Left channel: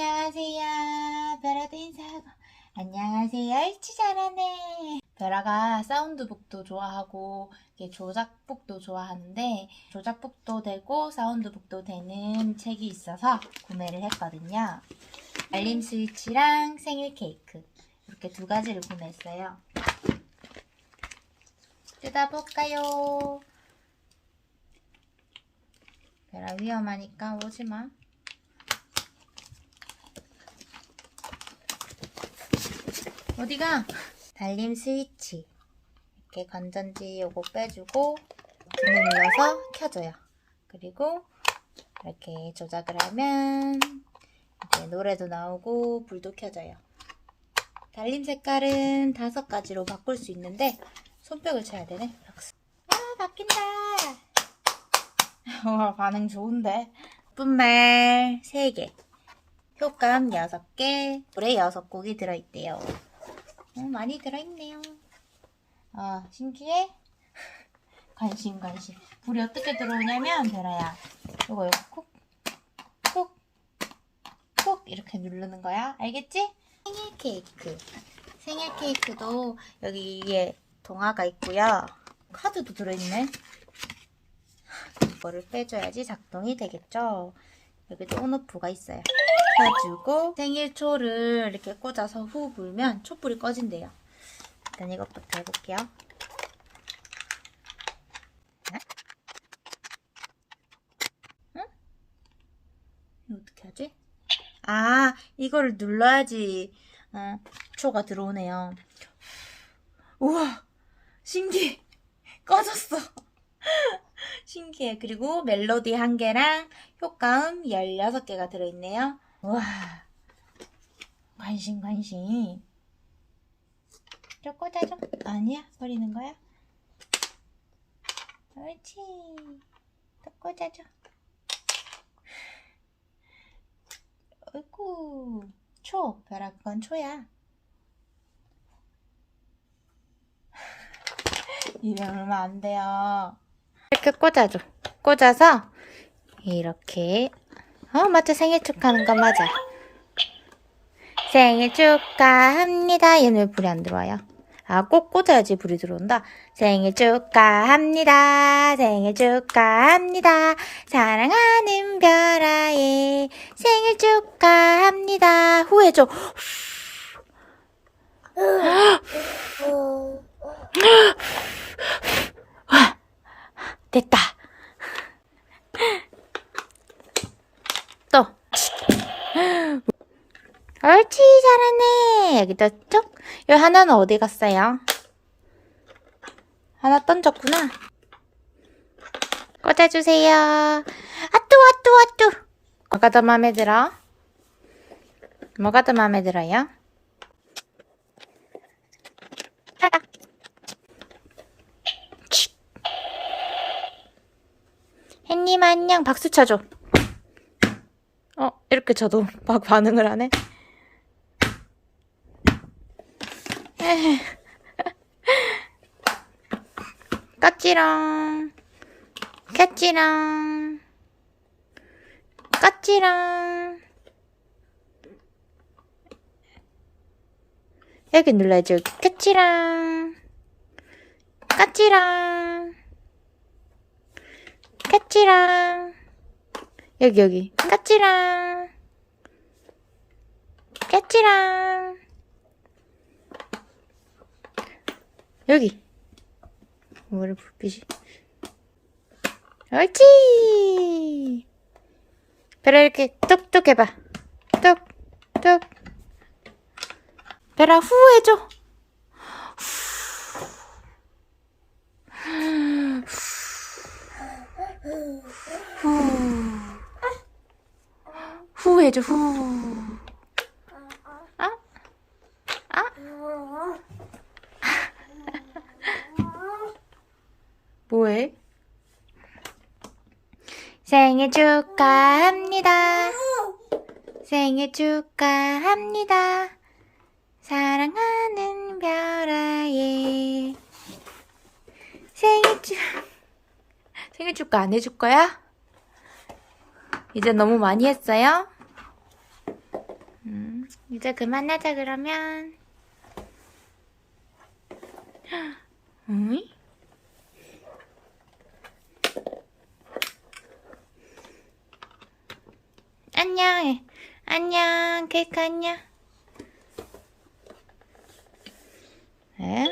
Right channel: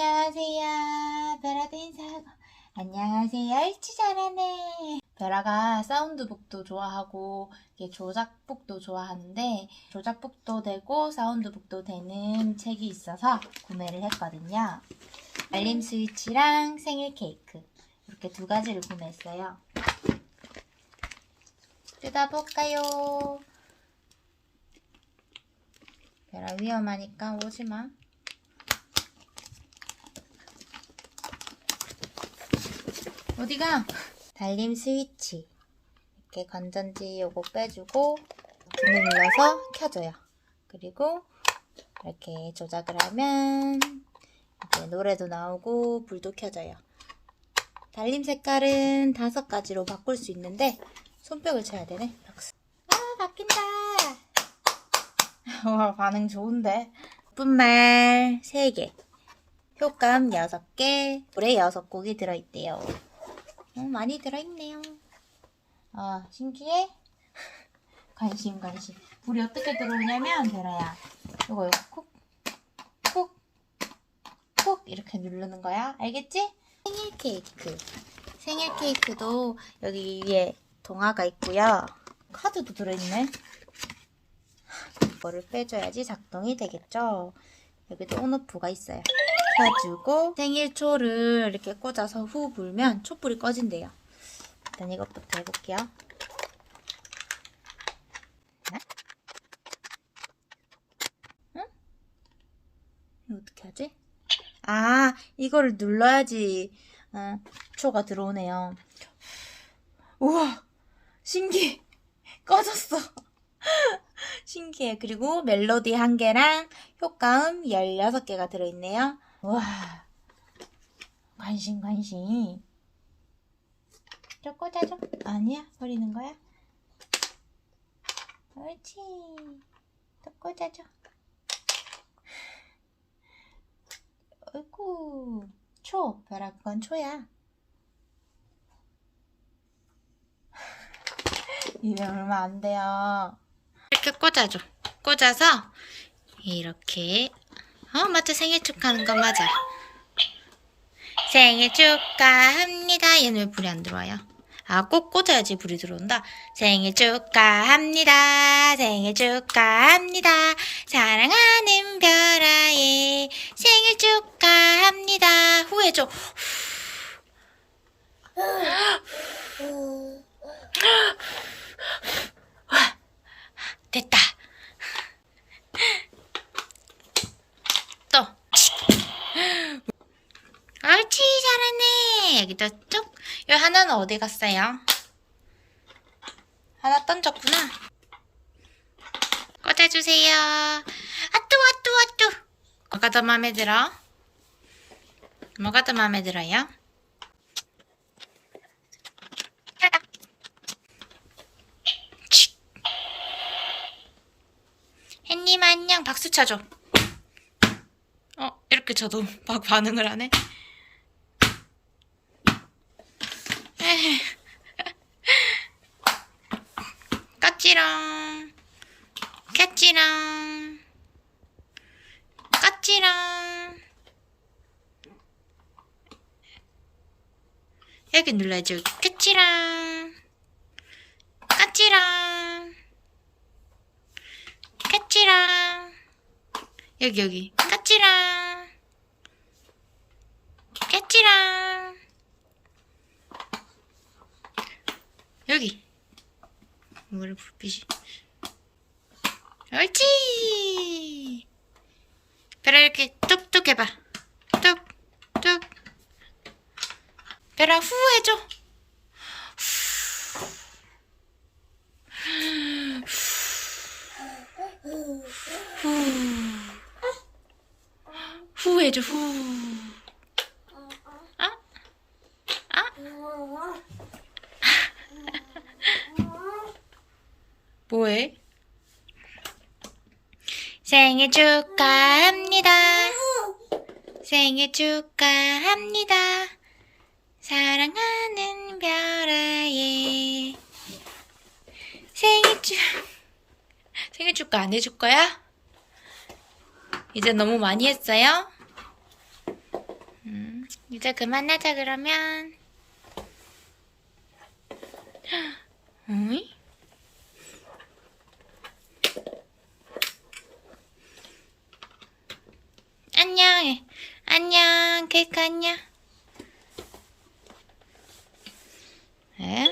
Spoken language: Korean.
안녕하세요. 베라도 인사하고. 안녕하세요. 일치 잘하네. 베라가 사운드북도 좋아하고 조작북도 좋아하는데 조작북도 되고 사운드북도 되는 책이 있어서 구매를 했거든요. 알림 스위치랑 생일 케이크 이렇게 두 가지를 구매했어요. 뜯어볼까요? 베라 위험하니까 오지마. 어디가? 달림 스위치. 이렇게 건전지 요거 빼주고 문을 눌러서 켜줘요. 그리고 이렇게 조작을 하면 이제 노래도 나오고 불도 켜져요. 달림 색깔은 다섯 가지로 바꿀 수 있는데 손뼉을 쳐야 되네. 아 바뀐다. 와 반응 좋은데. 뿐말 3개. 효감 6개, 불에 6곡이 들어있대요. 어, 많이 들어있네요. 아, 신기해? 관심, 관심. 불이 어떻게 들어오냐면, 베라야. 이거, 이거 콕, 콕, 콕, 이렇게 누르는 거야. 알겠지? 생일 케이크. 생일 케이크도 여기 위에 동화가 있고요. 카드도 들어있네. 이거를 빼줘야지 작동이 되겠죠? 여기도 온오프가 있어요. 켜주고 생일초를 이렇게 꽂아서 후 불면 촛불이 꺼진대요. 일단 이것부터 해볼게요. 네? 응? 이거 어떻게 하지? 아, 이거를 눌러야지 어, 초가 들어오네요. 우와, 신기해. 꺼졌어. 신기해. 그리고 멜로디 한 개랑 효과음 16개가 들어있네요. 와, 관심, 관심. 저 꽂아줘. 아니야, 버리는 거야? 옳지. 또 꽂아줘. 어이구, 초. 벼락 그건 초야. 이제 얼마 안 돼요. 이렇게 꽂아줘. 꽂아서 이렇게 어 맞아 생일 축하하는 거 맞아. 생일 축하합니다. 얘는 왜 불이 안 들어와요? 아, 꼭 꽂아야지 불이 들어온다. 생일 축하합니다. 생일 축하합니다. 사랑하는 별아의 생일 축하합니다. 후해줘. 됐다. 또. 옳지, 잘하네. 여기도 쪽. 여기 하나는 어디 갔어요? 하나 던졌구나. 꽂아주세요. 아뚜, 아뚜, 아뚜. 뭐가 더 마음에 들어? 뭐가 더 마음에 들어요? 햇님 안녕 박수 쳐줘. 어 이렇게 쳐도 막 반응을 하네. 에헤. 까찌랑 까찌랑 까찌랑 여기 눌러줘 까찌랑 까찌랑 까찌랑. 여기 여기. 까찌랑 까찌랑 여기. 뭐를 불빛이. 옳지! 별아 이렇게 뚝뚝 해봐. 뚝뚝. 별아 후 해줘. 후. 후 해줘, 후. 아? 아? 뭐해? 생일 축하합니다. 생일 축하합니다. 사랑하는 별아의 생일 축 생일 축하 안 해줄 거야? 이제 너무 많이 했어요? 이제 그만하자 그러면. 응? 안 안녕, 케이크 안녕. 에?